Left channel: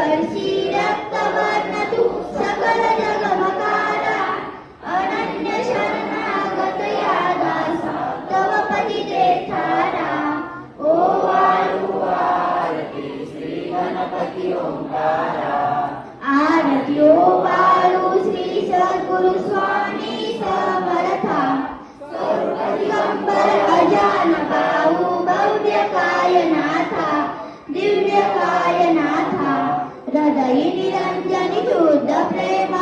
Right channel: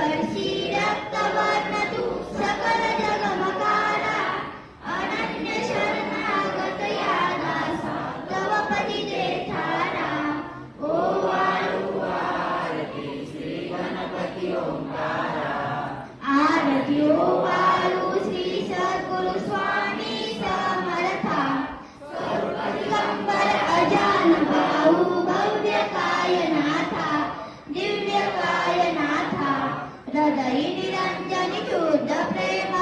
वर्षी रक्तवर्ण तू सकल जगमकारा अनन्य शरणागत या दासा तव पतिते ठारा ओ वाळू आरती श्री गणपती ओंकारा आरती ओ वाळू श्री सद्गुरु स्वामी समर्था स्वरूप दिगंबर अजान बाहू भव्य कायनाथा दिव्य कायनाथा हृदयी निरंजनी शुद्ध प्रेम